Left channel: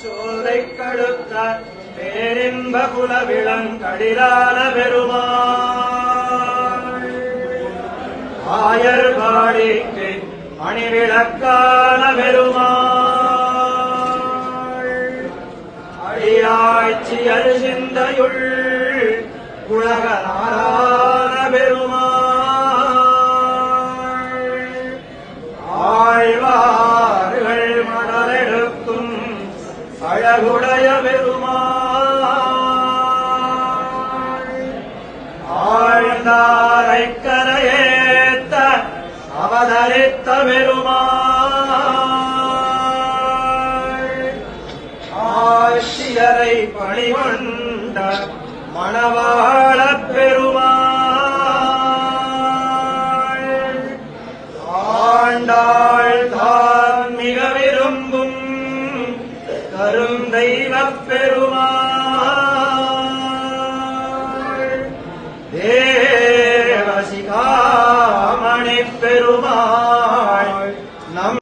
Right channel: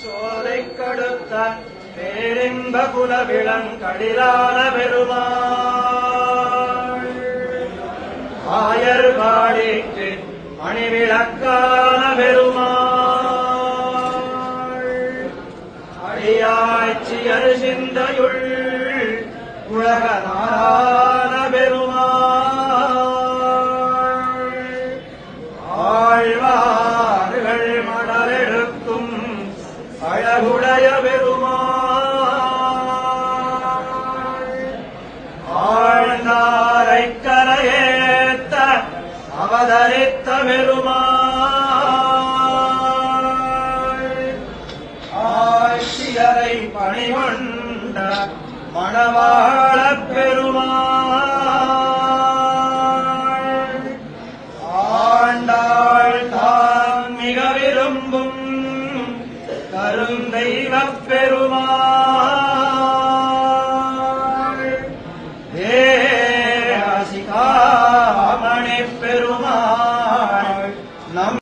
சோலை கழுத்தார் பேரிம்ப குலவிளம் கடிலான பெருமாள். ஆயர் பாடிக்கு மணிவிளக்கான பெருமாள். அடியாட்சியர் சிந்தையுள் உலக அழகுடைய பெருமாள். ஆழ்ந்தாரை கரையேத்த அவதரித்த பெருமாள். ஆட்சியரை பணிவண்ட மணவாழ பெருமாள். தான் மிக விரும்பும் அரும் தெய்வ பெருமா தேவசிகாமணி பெருமா